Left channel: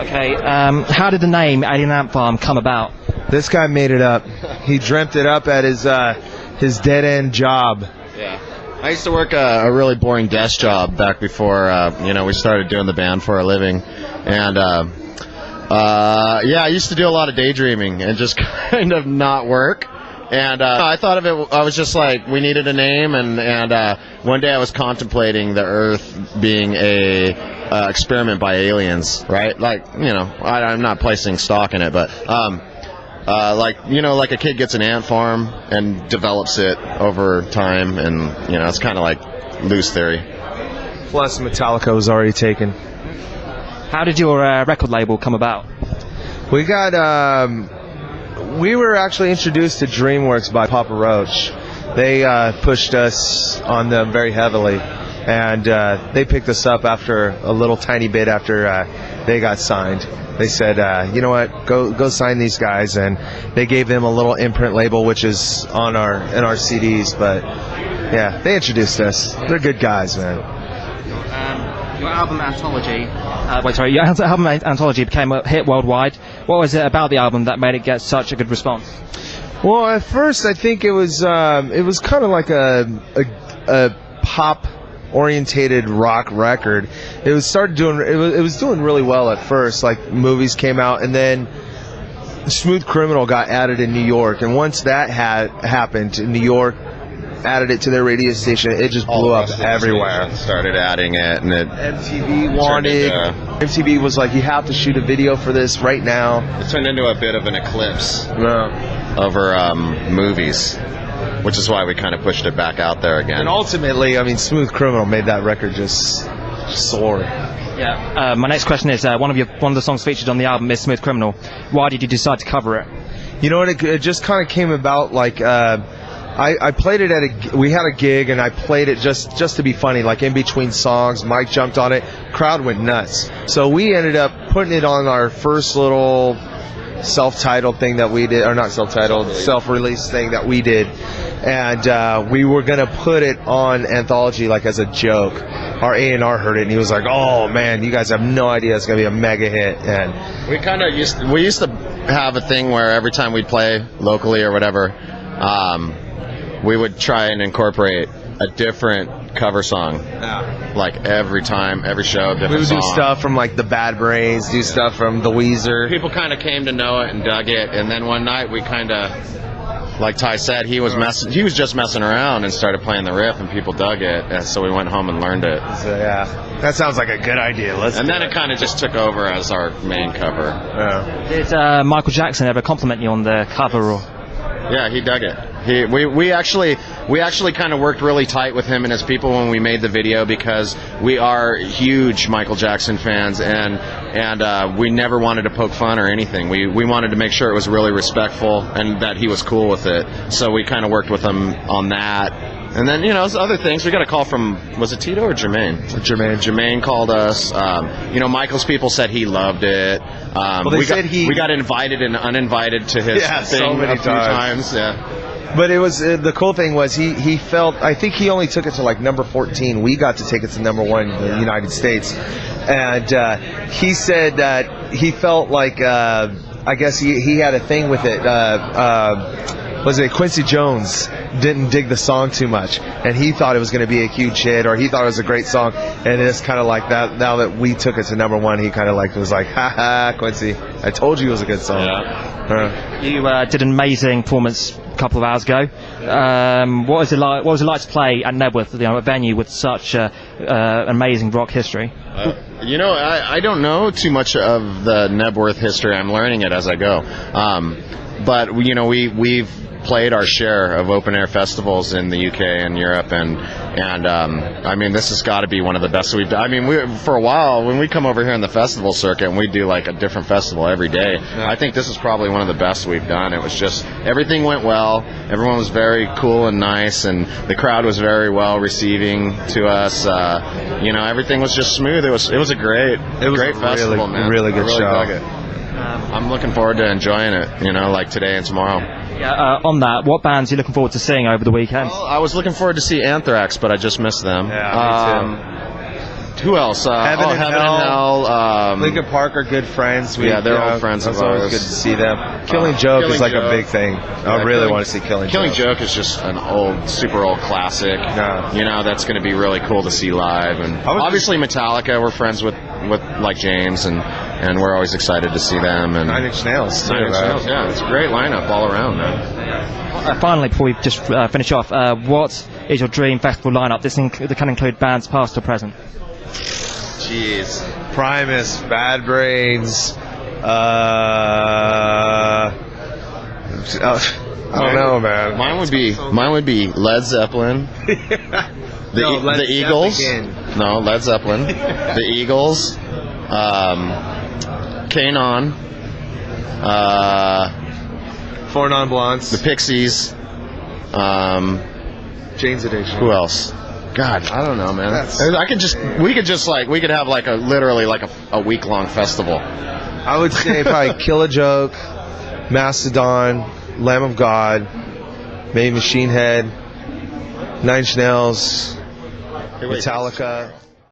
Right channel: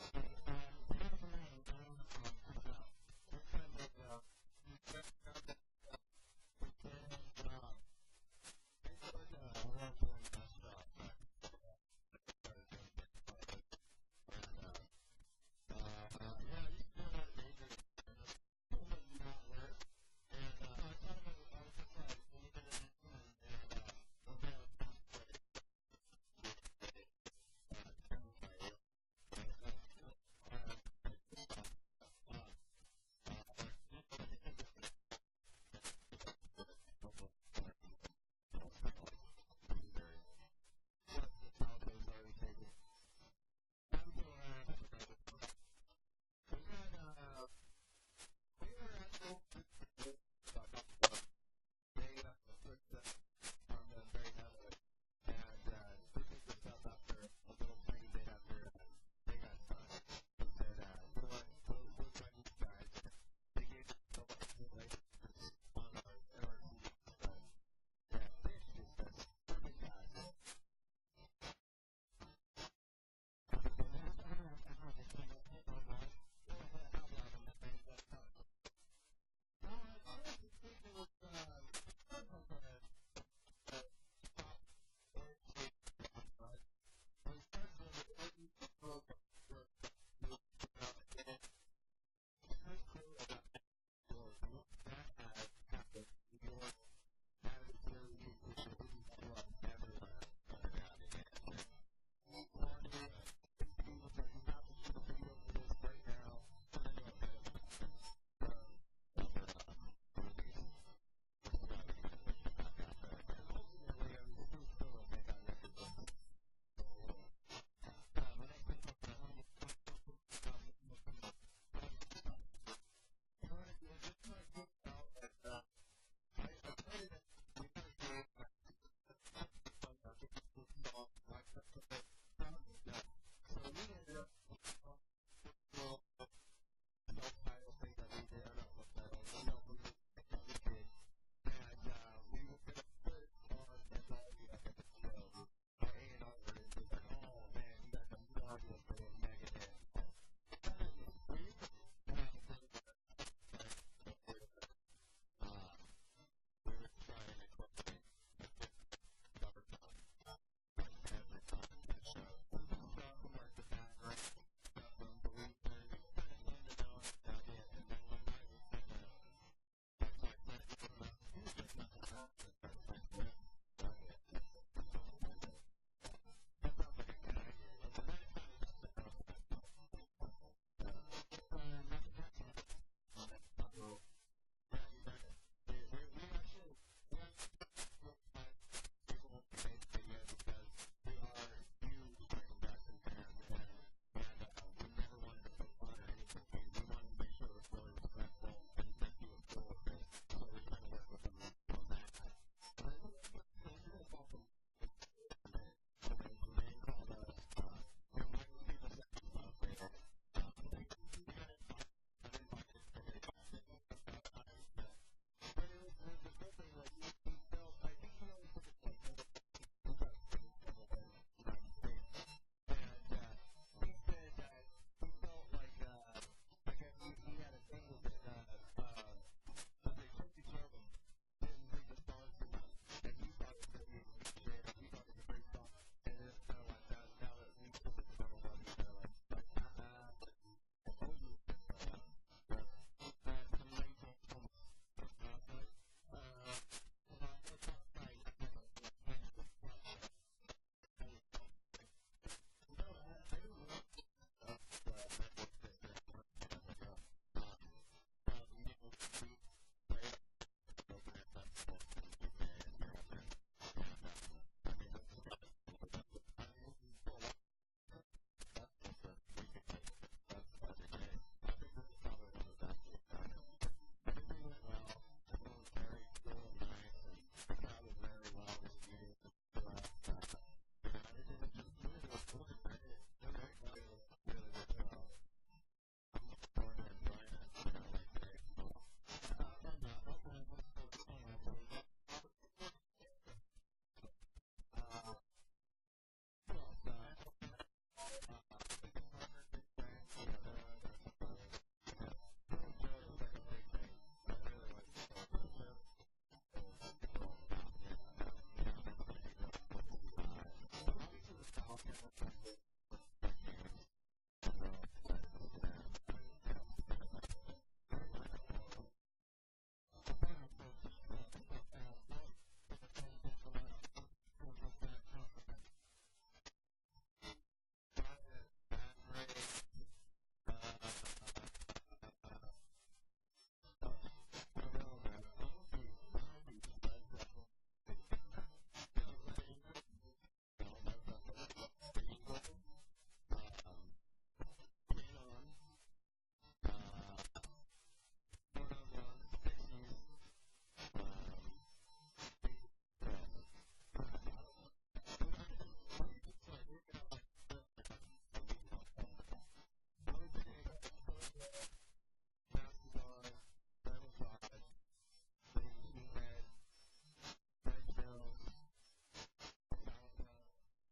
Okay, how did the name Alien Ant Farm come about? This guy made it up. He dreamt it up at his dead-end job. Yeah. I used to work a really boring desk job back before, we started doing the band for a living. And, I used to do a lot of daydreaming and just kind of not work. And I thought of it, I was just like, we needed a name. And one day I was contemplating the Earth being a experiment by aliens, right? Like, I'm not placing stock in it, but... like a kid gets an ant farm and develops it over time, and it's kind of like loose theory. Plus, Metallica was already taken. How did your record label come about? We were actually introduced to DreamWorks by Papa Roach. They pushed us on them very heavily, and they picked us up after a little tiny bit after they got signed. They said, you know what, go sign these guys, and they gave them a little imprint label, which is in our CDs. But yeah, they introduced us. They're good guys, man. Your album Anthology, your album Anthology became a hit worldwide. What was it about the album that made it get such a good response? Well, at first I think it was kind of like a pop orientated rock record. It was doing really well at first. Like, movies came out, and then Smooth Criminal got added in New York, and once that had happened, New York added it to their radio station. It just blew up everywhere. Started adding it, and MTV was like, you have to shoot a video for this right now. It turned into a bit of an eclipse over movies, which is why we kind of pushed it back out there again. And ultimately, Smooth Criminal made that record just soar. Yeah. My next question is, one of the songs featured on the album is Smooth Criminal. Why did you decide to cover it? You know what? It just kind of came about like I played it we had a gig, and I played it just to be funny, like in between songs. Mike jumped on it, crowd went nuts. So we ended up putting it on our first little self-titled thing that we did, or not self-titled, self-released thing that we did. And we were going to put it on Anthology like as a joke. Our A&R heard it, and he was like, oh man, you guys have no idea, it's going to be a mega hit. And we kind of used to have a thing where every time we'd play locally or whatever, we would try and incorporate a different cover song. Yeah. Like every time, every show, different song. We would do stuff from like the Bad Brains, do stuff from the Weezer. People kind of came to know it and dug it, and then one night we kind of, like Ty said, he was just messing around and started playing the riff, and people dug it, and so we went home and learned it. So yeah, that sounds like a good idea. Then it kind of just took over as our main cover. Yeah. Did Michael Jackson ever compliment you on the cover? Or? Yeah, he dug it. We actually kind of worked really tight with him and his people when we made the video, because we are huge Michael Jackson fans, and we never wanted to poke fun or anything. We wanted to make sure it was really respectful and that he was cool with it. So we kind of worked with him on that. And then, other things. We got a call from, was it Tito or Jermaine? Jermaine called us. Michael's people said he loved it. We got invited and uninvited to his thing so many a few times. Yeah. But it was the cool thing was he felt, I think he only took it to like number 14. We got to take it to number 1 in the United States, and he said that he felt like I guess he had a thing with it. Was it Quincy Jones didn't dig the song too much, and he thought it was going to be a huge hit, or he thought it was a great song, and it's kind of like that. Now that we took it to number 1, he kind of was like, ha ha, Quincy, I told you it was a good song. Yeah. You did an amazing performance a couple of hours ago. What was it like to play at Knebworth, a venue with such amazing rock history? I don't know too much of the Knebworth history. I'm learning it as I go. But we've played our share of open air festivals in the UK and Europe, and this has got to be one of the best we've done. For a while, when we come over here in the festival circuit and we do like a different festival every day, I think this is probably one of the best we've done. It was just, everything went well. Everyone was very cool and nice, and the crowd was very well receiving to us. Everything was just smooth. It was a great festival, man. Really good show. Dug it. I'm looking forward to enjoying it, like today and tomorrow. Yeah, on that, what bands are you looking forward to seeing over the weekend? Well, I was looking forward to see Anthrax, but I just missed them. Yeah, me too. Who else? Heaven and Hell. Linkin Park are good friends. They're old friends of It's always ours. good to see them. Killing Joke is like a big thing. I really want to see Killing Killing Joke. Joke is just an super old classic. Yeah. You know, that's going to be really cool to see live. And obviously Metallica, we're friends with like James, and we're always excited to see them. And Nine Inch Nails too. Nine Inch Nails, yeah, it's a great lineup all around, man. Finally, before we just finish off, what is your dream festival lineup? This can include bands past or present. Jeez. Primus, Bad Brains. I don't know, man. Mine would be Led Zeppelin. The Eagles. Zeppelin. No, Led Zeppelin. The Eagles. Kanon. Four Non-Blondes. The Pixies. Jane's Addiction. Who else? God, I don't know, man. We could have literally a week-long festival. I would say probably Kill a Joke, Mastodon, Lamb of God, maybe Machine Head, Nine Inch Nails, Metallica.